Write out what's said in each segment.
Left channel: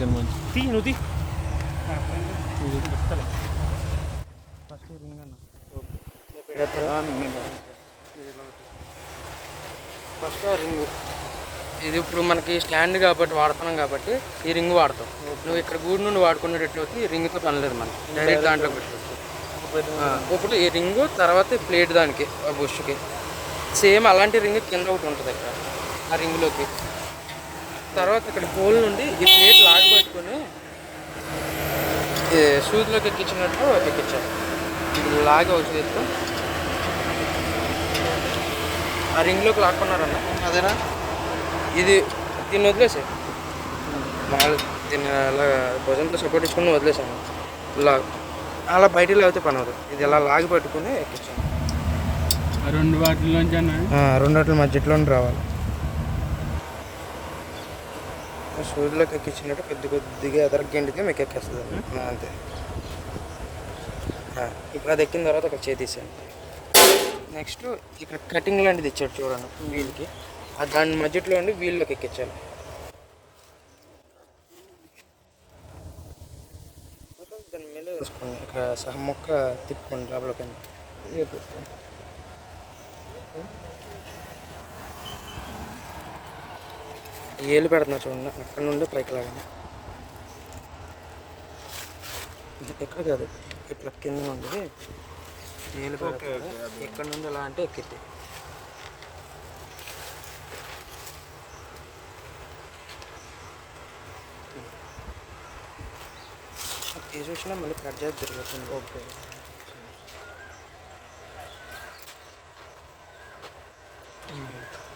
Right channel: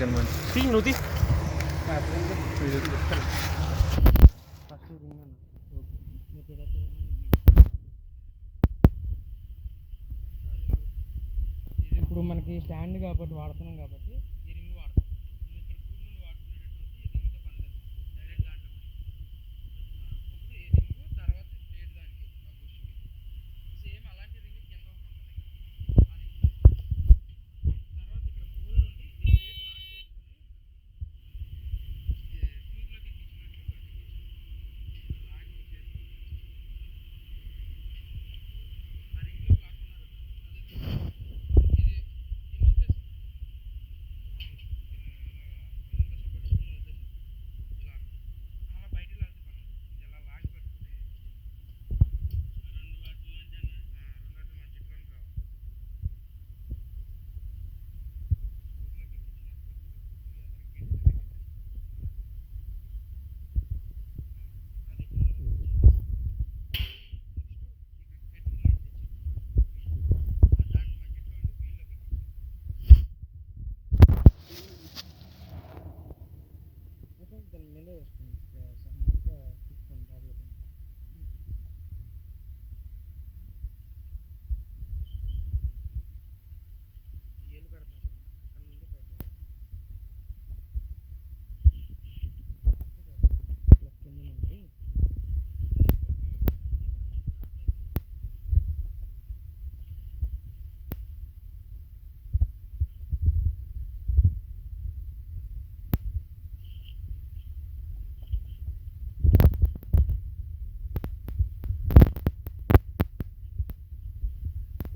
నువ్వు first ring ఇది ఇప్పుడు మనకి స్టాండ్ కాబట్టి వాడుతున్నాం కాబట్టి ఈ రింగ్ వాడతాం. నువ్వు ఇక్కడ గూడు నుండి వాడుకునేటట్లయితే ఈ రింగ్తో పని లేదు, మనం డైరెక్ట్ దాంట్లో పెట్టుకోవచ్చు. ఇప్పుడు ఈ రింగ్ తర్వాత ప్లేట్ దానికి బుష్కి సేమ్ అలాంటి రింగ్ కింద ఒకటి ఉంటుంది ఇక్కడ ఆ రింగ్లోకి. తర్వాత ఇక్కడ హోల్ నుండి ఈ ప్లేట్ లాగి పట్టుకొని సూదిలోకి ఎక్కించినట్టు ఎక్కించాలి. లాగి అవుతుంది ఆ రింగ్లోకి లాక్కున్నారన్న అదేనా. ఇది దీన్ని వదిలేసాయి మామూలు దీన్ని అలా భుజంతో సపోర్ట్ ఇచ్చుకుని వదిలేసాను. ఇలా అలా బయటికి లేకపోతే పని అవుతుంది. ఇది ఇలా లాగి పట్టుకుని ఎక్కించాను. రెండు వాటి మధ్యలో రావాలి. సూదిలోకి ఎక్కించినట్టు కొద్దిగా ఎదరగండితే మీకు ఎక్కేస్తుంది అంతే. ఇప్పుడు అది ఎక్కిన తర్వాత ఒక చేతీసాను. నెక్స్ట్ ఇక్కడ కటింగ్ లాంటిది ఇచ్చాడు చూడండి వీల్కి, దాని మధ్యలో ఉండి వీల్లోకి ఎక్కించాలి. దాని మీద వేసుకోండి, ఇక్కడ సహ మొక్క తిప్పుకోండి లోపలికి. ఏళ్ళు పెడుతున్నా చూడండి, అక్కడ నుండి పైకి లాగండి. ఎక్కడ కాదు ఇట్లా కింద ఉంటుంది ఏళ్ళు ఎక్కడ నుండి ఎలా అంటే ఎక్కిద్ది. తీసి వచ్చినా మళ్ళీ కట్ చేసి తిరుగుతుంది. ఓకే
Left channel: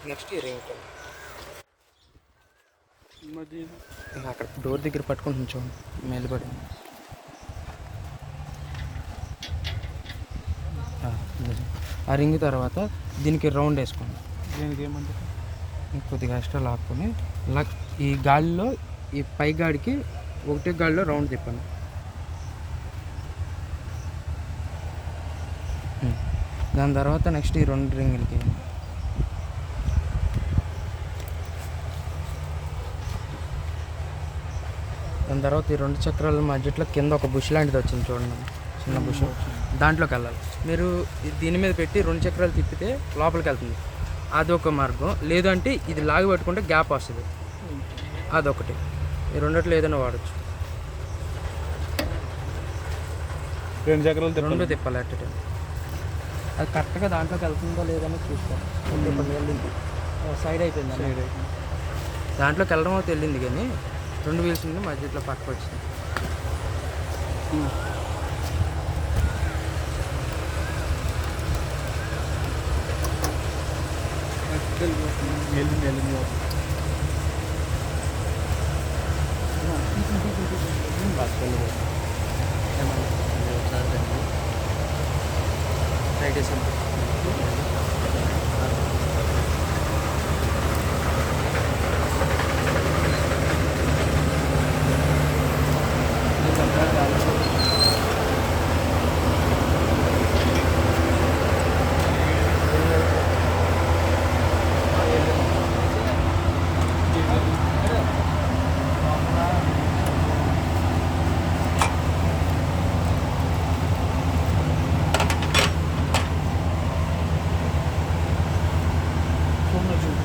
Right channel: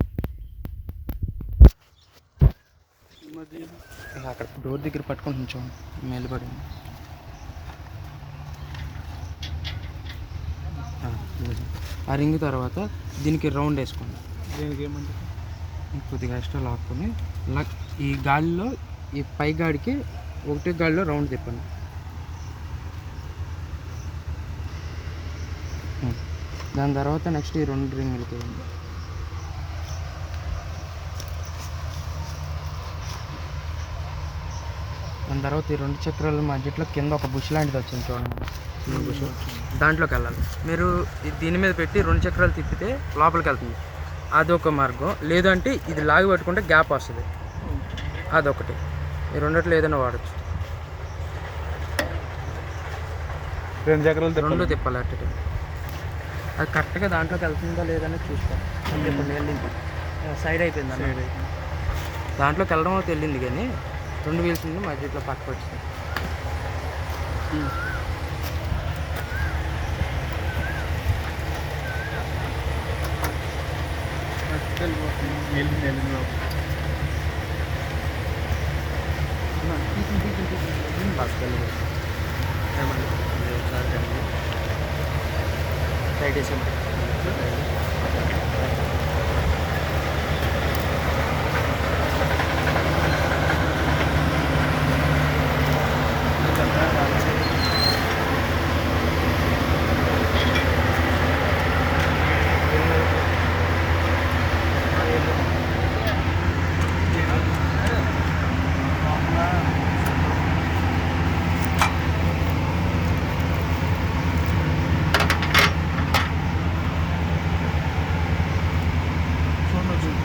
నెక్స్ట్ ఈ రింగ్ అక్కడ డోర్ దగ్గర పట్టుకొని ఉంచాం మేలుపడింది. ఆ రింగ్ తర్వాత దీనికి రౌండ్ వేసుకోండి. కొద్దిగా ఎక్స్ట్రా లాక్కొని ఇలా ఈ గాలిలో ఈ పై గాడికి ఒకటే గాలిలో రౌండ్ తిప్పండి. దాని తర్వాత నెక్స్ట్ ఈ రెండు రింగులకి దాని తర్వాత ఈ రెండు చక్రాల మధ్యలో కింద ఒక బుష్ లాంటిది వచ్చింది చూడండి, చిన్న బుష్, దాంట్లోకి వెళ్ళాలి. మీరు దీని మీద పెట్టి రెండు చక్రాలు తిప్పితే లోపలికి వెళ్తుంది, అదొక మార్గం. లేదంటే ఇది లాగి పట్టుకుంటే గ్యాప్ వస్తుంది, అదొకటి. ఈ రెండిట్లో ఏదైనా వాడచ్చు. రెండు చక్రాలు రెండు తిప్పాలి అట్ టైం. అది కరెక్ట్గా దాంట్లోకి వెళ్తుందో లేదని చూస్తాను. అంటే ఇప్పుడు వెళ్ళింది సైడ్ అయిపోయింది అన్న, దాంట్లోకి వెళ్ళడం అయితే వెళ్ళింది కానీ రెండు వీల్స్ ఉంది మధ్యలో పక్కకు వచ్చింది. సైడ్ వేసి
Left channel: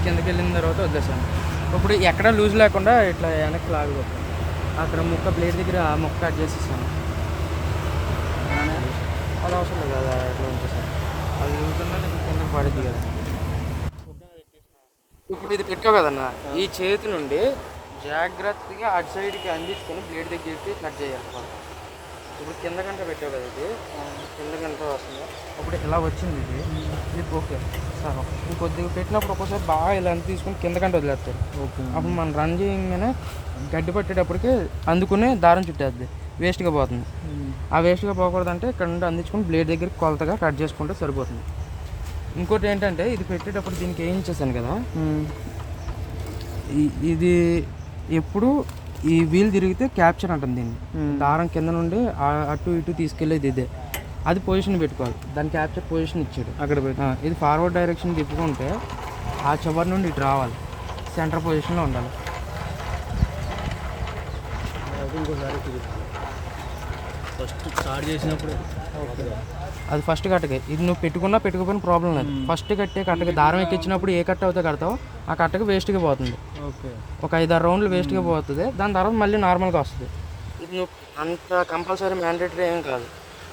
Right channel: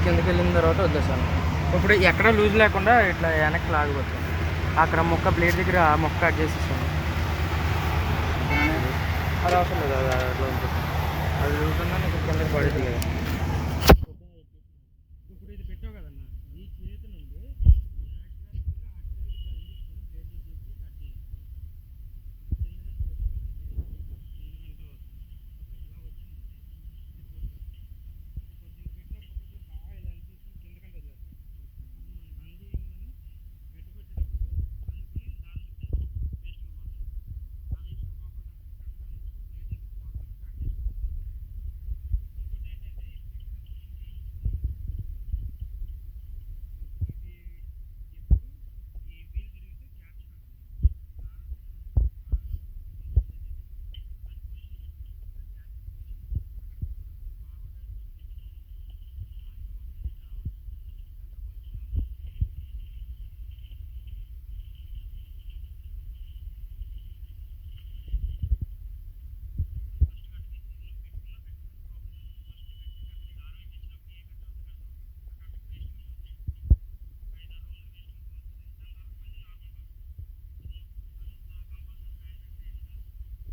కిందకి వెళ్ళిన తర్వాత వదిలేసాను. ఇప్పుడు ఎక్కడ లూజ్ లేకుండా ఇట్లా వెనక్కి లాగవచ్చు. అక్కడ మొక్క బ్లేడ్ దగ్గర ఆ మొక్క కట్ చేసేసాను. అది అవసరం లేదు, అది అట్లా ఉంచేసాను. అది చూసుకున్నా నీకు కిందకి పడింది. ఇప్పుడు ఇది పెట్టావు కదన్నా, ఈ చేతి నుండి జాగ్రత్తగా అటు సైడ్కి అందించుకొని బ్లేడ్ దగ్గరికి కట్ చేయాలి. ఇప్పుడు కింద గంట పెట్టావు కదా, ఇది కింద గంట వస్తుంది. ఇప్పుడు ఇలా వచ్చింది ఇది ఓకే సార్. కొద్దిగా పెట్టినప్పుడు ఒక్కోసారి బాగా ఇలా తీసుకుని కింద గంట వదిలేస్తారు. అప్పుడు మనం రన్ చేయగానే గడ్డి పట్టేటప్పటికి అందుకుని దారం చుట్టేద్ది, వేస్ట్గా పోతుంది. ఆ వేస్ట్గా పోకూడదంటే ఇక్కడ నుండి అందించుకుని బ్లేడ్ దగ్గర కొలతగా కట్ చేసుకుంటే సరిపోతుంది. ఇంకోటి ఏంటంటే ఇది పెట్టేటప్పుడు దీనికి ఏం ఇచ్చేసాను కదా, ఇది ఎప్పుడు ఈ వీల్ తిరిగితే క్యాప్చర్ అంటుంది దీన్ని. దారం కింద నుండి అటు ఇటు తీసుకెళ్ళేది ఇదే, అది పొజిషన్ పెట్టుకోవాలి. దాని క్యాప్చర్ పొజిషన్ ఇచ్చాడు అక్కడ పెట్టి. ఇది ఫార్వర్డ్ డైరెక్షన్ తిప్పుకుంటే ఆ చివరి నుండి ఇటు రావాలి, సెంటర్ పొజిషన్లో ఉండాలి. ఇంకోసారి ఫస్ట్ స్టార్ట్ చేసినప్పుడు అది ఫస్ట్ కట్టకి. ఇది నువ్వు పెట్టుకున్నా పెట్టుకోపోయిన ప్రాబ్లం లేదు. ఫస్ట్ కట్టే కట్టకి దారం ఎక్కించినప్పుడు ఏ కట్ట అవుతే కడతావు ఆ కట్టకి వేస్ట్గా పోతుంది. ఓకే ఒక 5-6 రౌండ్లు వేస్ట్గా పోతుంది. దాని తర్వాత మళ్ళీ నార్మల్గా వస్తుంది. ఇది నువ్వు అంత కంపల్సరీ మ్యాండేటరీ ఏం కాదు.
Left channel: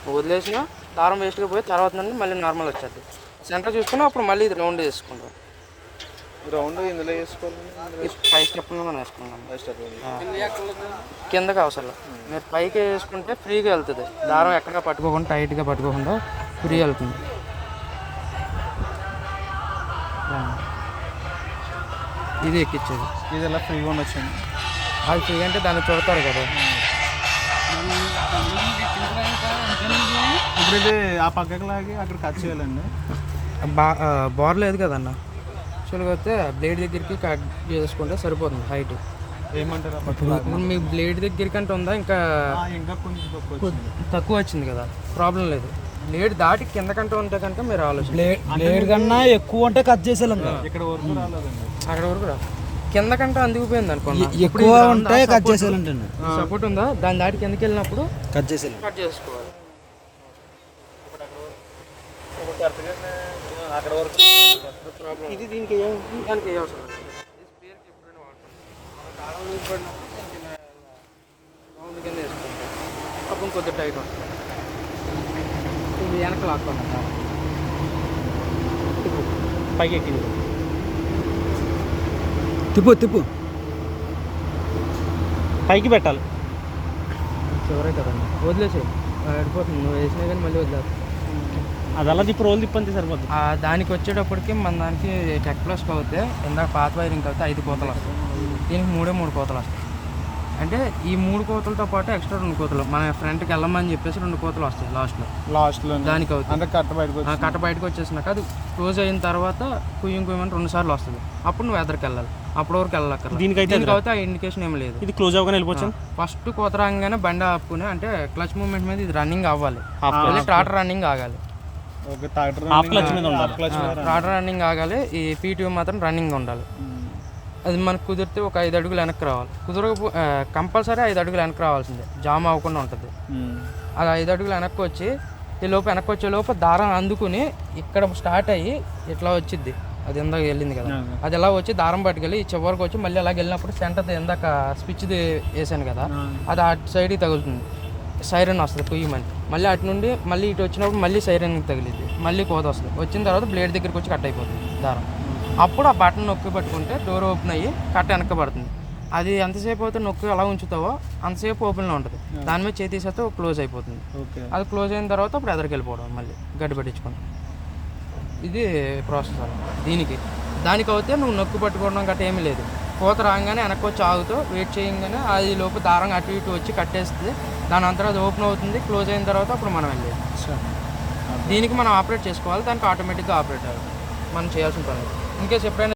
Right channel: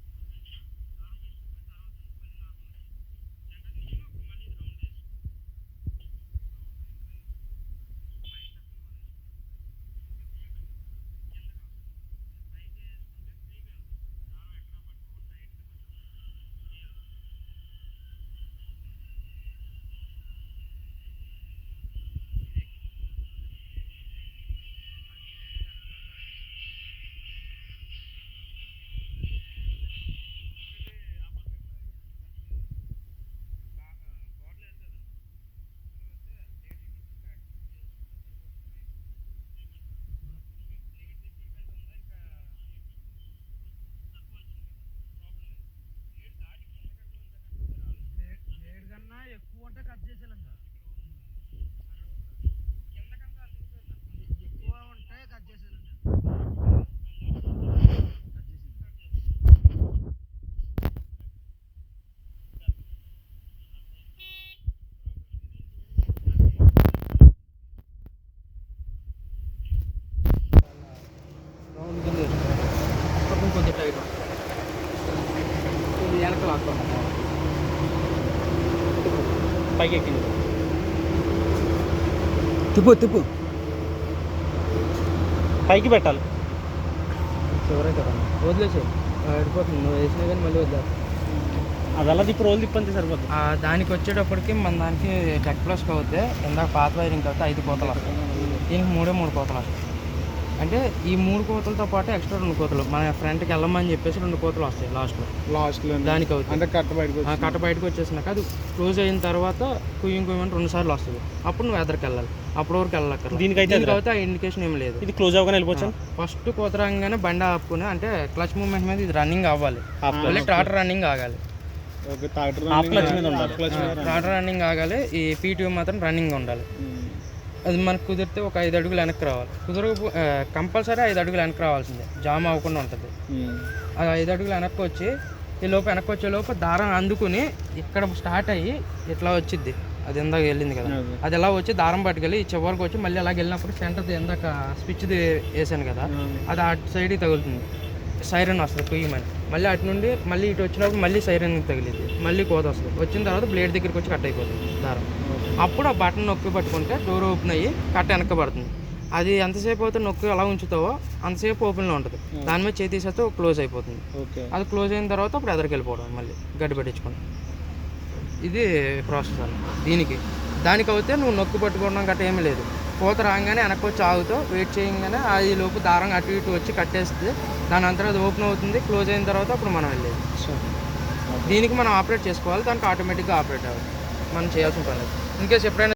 నువ్వు వదిలేసినా దారం వేస్ట్గా పోయి తర్వాత నుండి మళ్ళీ నార్మల్ వచ్చేది. సెంటర్ చూసుకున్నా అప్పుడు మళ్ళీ ఇది రౌండ్ చేసుకుంటాం. రౌండ్ ఇందులో వేసుకోవాలి. 5 స్టెప్లు మనం వేసుకున్నాం. కిందకి అవసరం మీరు పైకి వేసుకుంటే ఫ్రీగా వెళ్తుంది. దారం ఎక్కడిగా పట్టుకోకుండా టైట్గా పట్టుకోకుండా ఫ్రీ వెళ్తుంది. ఇది ఎక్కించేది. ఇది ఎలా ఫ్రీగా ఉండొచ్చండి? అది ఫ్రీ అంటే దాన్ని చూడతారు కదా. ఇప్పుడు ఇది ఆ పక్కకి లాగి అక్కడ కట్ చేయాలండి. బోర్ లేదు కదన్న. యాక్చువల్గా అయితే బ్లేడ్ దగ్గరికి కట్ చేసుకుంటే సరిపోతుంది హైట్. ఏమంటారు ఇప్పుడు మీ బ్లేడ్ దగ్గరికి అంటే ఉందా ఇంకా ఇంకా కొంచెం తక్కువ వచ్చింది కదా, ప్రాబ్లం లేదు. బ్లేడ్ దాటి కిందకంటే ఉంటే కనుక మీరు ఆలోచన. బ్లేడ్ కన్నా ఎక్కువ అంటే కట్ చేసేయాలి. ఇక్కడ వరకు రాలేదండి. అక్కడ వరకు రా కిందకంటే అందుకుపోయింది అనుకోండి. ఎక్కువ ఉంటే కట్ చేసేయాలంటే సపోర్ట్ ఉందా దాని దాటి కిందకి వెళ్ళినప్పుడు కట్ చేసేయాలి. కట్ చేసుకోవాలి. అక్కడ వరకు ఇది దీనికి దానికి ఏ అవసరం అప్పుడు కొంచెం టైట్ వస్తుంది. వెనక లాక్కోండి. పైకి ఎక్కింది. తిప్పు పైకి పెట్టాలి. చివరే కదా వదిలేసి వెళ్ళిపోతుంది. నువ్వు వేసినా కానీ మళ్ళీ వదిలేదు. అది అలా తిప్పి రోజు తిప్పంతే సరిపోతుంది. దానికి వచ్చేటప్పటికి మన దానికి టెక్ ప్లస్ అవుతే ఇందాక పాత వైరింగ్ అవుతే 5 కోతలు వస్తాయి. దీనికి 3 కోతలు వస్తాయి. అంటే ఈ 3 కోతలతో పాటు ఎక్స్ట్రా 2 కోతలు మన ఫ్రంట్కి వెళ్ళమని చెప్పేసి 2 కోతలు వస్తాయి లాస్ట్లో దానికి అవుతుంది. అంటే కట్ట బయటకు వచ్చేసినాక అది క్లోజ్ అయిన తర్వాత కుయ్యమని 2 సార్లు వస్తుంది. అప్పుడు నువ్వు ఎదరికి వెళ్ళాలి. అప్పుడు వరకు వెళ్ళక్కర్లేదు. దీనికి అయితే ఆ ఇండికేషన్ ఏం లేదు. ఇది క్లోజ్ అవ్వగానే వెళ్ళిపోవచ్చు. ఫస్ట్ కోత రాగానే బండి ఆపుకుని అంటే క్లచ్ మూమెంట్ మీద ఇది రన్నింగ్ అవ్వాలి. ట్రాక్టర్ రన్నింగ్ ఆగాలి. ట్రాక్టర్ రన్నింగ్ ఆగాలి. ఈ పీటీఓ మాత్రం రన్నింగ్ ఉండాలి. అది మనకు కుదిరితే ఒక 5 అడుగులు వెనక్కి రావాలి. కంపల్సరీ 5 అడుగులు వెనక్కి రావాల్సిందే. జామ్ అవ్వకుండా ఉంటుంది. అది 5 అడుగులు వెనక్కి వచ్చి ఈ లోపు వెనక్కి వచ్చే లోపు దారం అందుకుని ఇక్కడ స్టార్ట్ అయ్యి ఇట్లా వచ్చింది. అది ఇందాక వెళ్ళింది కదా, అది ఎలా వచ్చి దారం పట్టుకెళ్ళి ఈ చివరికి వచ్చి మళ్ళీ అలాగ వెళ్ళినప్పుడు సెంటర్ ఇందాక స్విచ్ది వేసాను కదా, అది అటు సైడ్కి తగులుతుంది. సైరన్ వస్తుంది కుయ్యమని. మళ్ళీ అటు నుండి మళ్ళీ ఇటు వచ్చినప్పుడు మళ్ళీ సైరన్కి తగిలింది. మళ్ళీ కోత వస్తుంది. వచ్చిన తర్వాత బ్లేడ్ దగ్గరికి వచ్చి కట్ అయిపోతుంది దారం. అప్పుడు ఆ బటన్ నొక్కి పట్టుకుంటే డోర్ ఓపెన్ అయ్యి కట్ట వెనక్కి పడుతుంది. అది ఎంతసేపు అయితే నొక్కి అలా ఉంచుతావో అంతసేపు ఓపెన్లో ఉంటుంది. దాని మీద చేతి తీసేస్తే క్లోజ్ అయిపోతుంది. అది క్లోజ్ అయిన తర్వాత అప్పుడు ఎదరికి వెళ్ళిపోవడం మళ్ళీ గడ్డి పెట్టించుకోండి. ఇది ప్రాసెస్ అన్న. దానికి అయితే నువ్వు నొక్కి పట్టుకోవడం గట్రా ఏమీ లేదు. కోత రాగానే వెనక్కి వచ్చి ఆగుతావు. వెయిట్ చేయగానే అది లోపు దారం అటు ఇటు వచ్చి కట్టేస్తే దాని అంతా అది ఓపెన్ అవుతుంది. క్లోజ్ అయిన తర్వాత అప్పుడు మనం వెళ్ళేది. దీనికి మనం ఆపరేట్ చేసుకోవాలి. దానికి ఆటోమేటిక్గా ఆపరేట్ అవ్వాలి. మనం చేయాల్సిన పని. ఇన్కేస్ ఎప్పుడైనా